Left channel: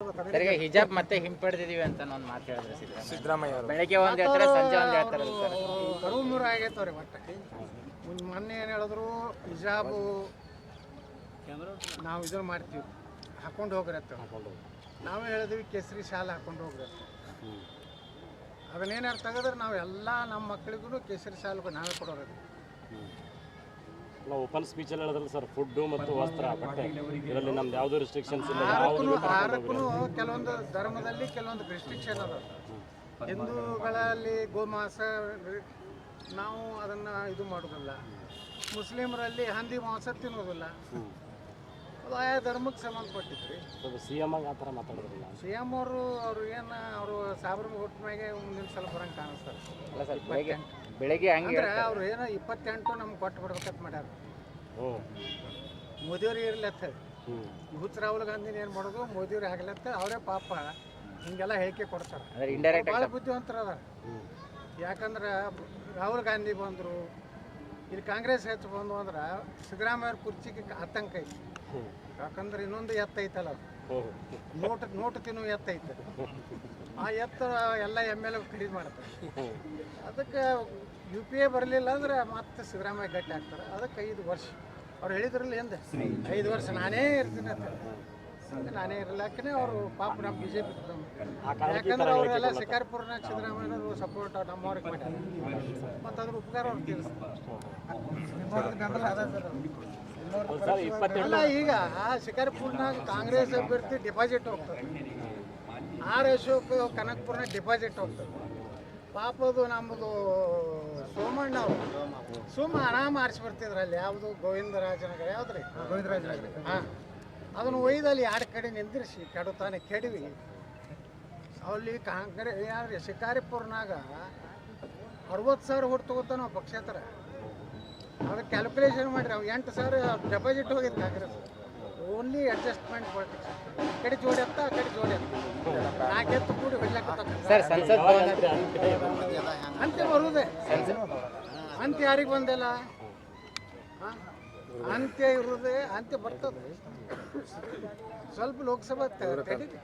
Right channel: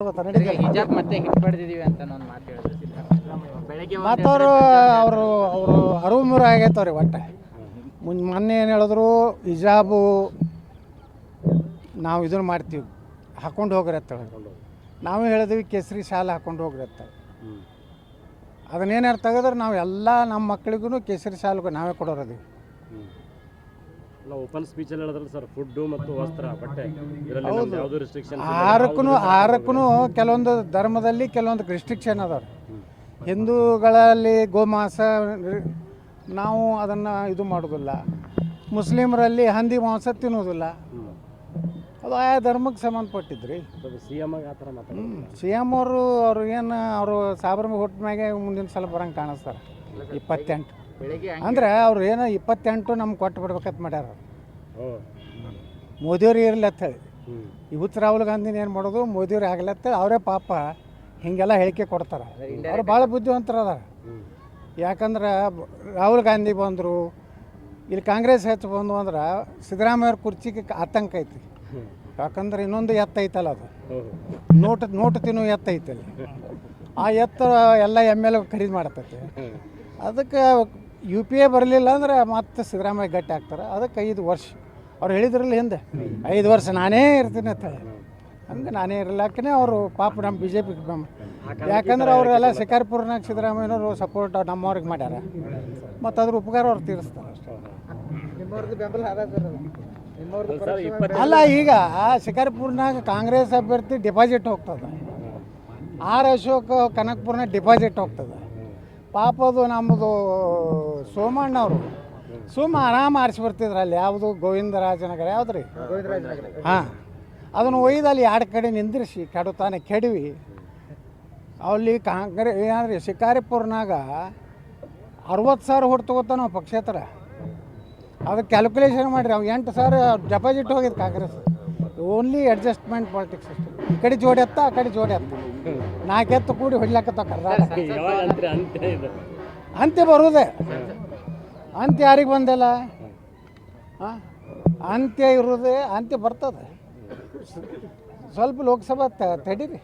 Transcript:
ತಿರ್ಗಿ ಹಿಜಾಬ್ ಮತ್ತೆ ಹಿಂಪಡೆದಿದೀವಿ ಅಂತ ಒಂದು ಮಾತು ಹೇಳಿದ್ರು ಸಿದ್ದರಾಮಯ್ಯ ಬೆಳಗ್ಗೆ ಅವರು ಅರಿವು ಮೂರು ಆಗೈತವ್ರಿ ಒಟ್ಟು ಮೊನ್ನೆ ಏನು ಹೇಳಿದ್ರು ಹಿಜಾಬು ನಾವು ಇದನ್ನು ಮಾಡ್ತೀವಿ ಹಾಕ್ಕೊಂಡು ಹೋಗ್ರತ್ತ ನಾವೇ ಹೇಳಿದ್ವಿ ಕೇಸರಿ ಶಾಲೆ ಹಾಕ್ಕೊಂಡು ಹೋಗ್ರತ್ತ ಅದನ್ನೇನಾರು ತೆಗೆದ್ರೆ ನಾವು ಎಲ್ಲ ನಮ್ಮ ಮಕ್ಕಳಿಗೂ ಕೇಸರಿ ಶಾಲೆಗೂ ನಾವೇ ಕೊಡೋರದು ಓಪನ್ ಸ್ಪೀಚಲ್ಲಿ ಹೇಳಿದ್ರಲ್ಲ ಸರ್ ಫುಡ್ಡು ಮತ್ತು ವಸ್ತ್ರ ಬಟ್ಟೆ ಹೌದು ಯಾವುದು ರಿಸ್ಟ್ರಿಕ್ಷನ್ ಆಹಾರಕ್ಕೂ ಕೆಲವೊಂದು ಧರ್ಮದಲ್ಲಿ ಕೆಲವೊಂದು ರಿಸ್ಟ್ರಿಕ್ಷನ್ ಅದಾವೆ ಹಿಂದೂಗಳಲ್ಲಿ ಗೋಮಾಂಸ ನಾವು ಅದನ್ನು ಇದು ಮಾಡೋದಿಲ್ಲ ಮುಸ್ಲಿಮರಲ್ಲಿ ಹಂದಿ ಮಾಂಸ ತಿನ್ನೋದಿಲ್ಲ ಅದು ಆಯಾ ಧರ್ಮಕ್ಕೆ ಸಂಬಂಧಪಟ್ಟಿದ್ರಿ ಸಿ ಎಮ್ ಆಗಿ ಆ ಥರ ಮಾತಾಡ್ತಾರೆ ಸಿ ಎಮ್ ಅವರು ಏನು ಅವರು ಸಾಬರ ಹುಟ್ಟ ಮ್ಯಾಗೆ ಮುಂದಿನ ಸಲ ಬರಂಗೆ ಕಾಣಿಸ್ತಾರೆ 28 ಬೆಳಗ್ಗೆ ಅಂದರೆ ಅವ್ರು ಏನೋ 28 ನಮ್ಗೆ ಕೊಟ್ಟು ಬಿಡ್ಬೇಕಂತ ಮಾಡ್ಯಾರ ಮೋದಿಯವ್ರು ಇರಲತ್ತ ಹೇಳಿ ಇವತ್ತು ರಾಹುಲ್ ಗಾಂಧಿನ ಏನು ಮಾಡೋದು ಮೋದಿಯವ್ರು ಆಗ್ಲತ್ತ ಅವರೇ ಪಾಪ ಹೀಗೆಲ್ಲ ಹೇಳಿಕೆ ಕೊಡ್ತಾರೆ ಅವ್ರು ಭಾಳ ಬುದ್ಧಿವಂತರು ಅದಾರ ಯಾಕಂದ್ರೆ ರಾಹುಲ್ ಗಾಂಧಿ ಬಂದರು ಇಲ್ಲಿ ಕಾಂಗ್ರೆಸ್ ಹೆಚ್ಚು ಬಂದು ಅಂದ್ರೆ ಸಿದ್ದರಾಮಯ್ಯವ್ರ ಕುರ್ಚಿಗೆ ಆತಂಕ ಐತಿ ಯಾಕಂದ್ರೆ ಇನ್ನೊಂದು ಎತ್ತೈತಲ್ಲ ಅದು ನೋಟು ತಿನ್ನು ಎತ್ತೈತಲ್ಲ ಆ ಎತ್ತ ಎಲ್ಲ ಎಮ್ ಎಲ್ ಖರೀದಿ ಮಾಡ್ತೈತೆ ಅದಕ್ಕೆ ಯು ಪಿ ಎ ಬರಲಿಲ್ಲ ಅಂದ್ರೆ ಮತ್ತೆ ಸಿದ್ದರಾಮಯ್ಯ ಗಟ್ಟಿ ಆಗ್ತಾರೆ ಅದಕ್ಕೆ 5 ವರ್ಷ ಅವ್ರು ಹೇಳಿದ್ರಲ್ಲ ಹಿಂದೆ 5 ವರ್ಷ ನಾನೇ ಇರ್ತೀನಿ ಅಂತ ಹೇಳಿ ಹಂಗೆ ನಾನೇ ಇರಲಾಕೇ ಅವರು ಪಾಪ ನಮ್ಮ ಬಿ ಜೆ ಪಿ ಯಾಕಂದ್ರೆ ಅವರೆಲ್ಲ ಶಿಕಾರಿಪುರನಾಗ ಸಿದ್ದರಾಮಯ್ಯನವರು ಸಪೋರ್ಟ್ ನಮ್ಮವ್ರಿಗೆ ಮಾಡ್ಯಾರ ಮತ್ತು ಅದ್ರ ಉಪಕಾರ ಅವ್ರು ತೀರಿಸ್ತಾರೆ ಅಲ್ಲ ಈಗ ಶಿಕಾರಿಪುರನಾಗ ಕಾಂಗ್ರೆಸ್ ಅಭ್ಯರ್ಥಿ ಡಿಪಾಸಿಟ್ ಹೋಗ್ತದೆ ಅಶೋಕ್ ಕನಕಪುರನಾಗ ಡಿಪಾಸಿಟ್ ಹೋಗ್ತದೆ ಪಾಪ ಅದು ನಮ್ಮದು ಸೋಮಣ್ಣ ಅವರು ಆರಾಮ ಆರಿಸಿ ಬರ್ತಿದ್ರು ಅಲ್ಲಿ ಯಾವುದು ಗೋವಿಂದರಾಜನಗರ ಯಾವ್ದು ರೀ ಹಾಂ ಅದನ್ನು ಒಯ್ದು ಅಲ್ಲಿ 2 ಕಡೆ ನಿಂದಿರಿಸಿ ಕೆಡುತ್ತಾನೆ ಕೆಡವಿ ಅಲ್ಲಿ ಕಾಂಗ್ರೆಸ್ ಏನಾದ್ರಿ ಶಿಕಾರಿಪುರನಾಗ 60,000 ಹೊಟ್ಟು ತಗೋತಾನ ನಾವು ಪಕ್ಷೇತರ ಅದಕ್ಕೆ ಕ್ಯಾಲ್ಕುಲೇಷನ್ ಮಾಡಿರಿ ಅವು 8,000 ಡೆಪಾಸಿಟ್ ಹೋಗಿದ್ದು ಕಾಂಗ್ರೆಸ್ ಓನ್ಲಿ ಅಡ್ಜಸ್ಟ್ಮೆಂಟ್ ಪಾಲಿಟಿಕ್ಸ್ ಈ ಕಡೆ ಜೋಡಿ ಎತ್ತ ಆ ಕಡೆ ಜೋಡಿ ಎತ್ತ 4 ಎತ್ತು ಕೂಡಿ ಹೊಡ್ಲಾಕತ್ತ ಸಂಸತ್ ಭವನ ಅಂತ್ಯ ಬರುವುದೇ ಅಂತ್ಯ ಯಾರಿಗೆ ಬಂದಿಲ್ಲ ಹಾಂ ಅಂತ್ಯ ಇರೋದೇ ಅಂತ್ಯ ಬರ್ತದೆ ಸ್ವಲ್ಪ ಲೋಕಸಭಾ ತಡೀರಿ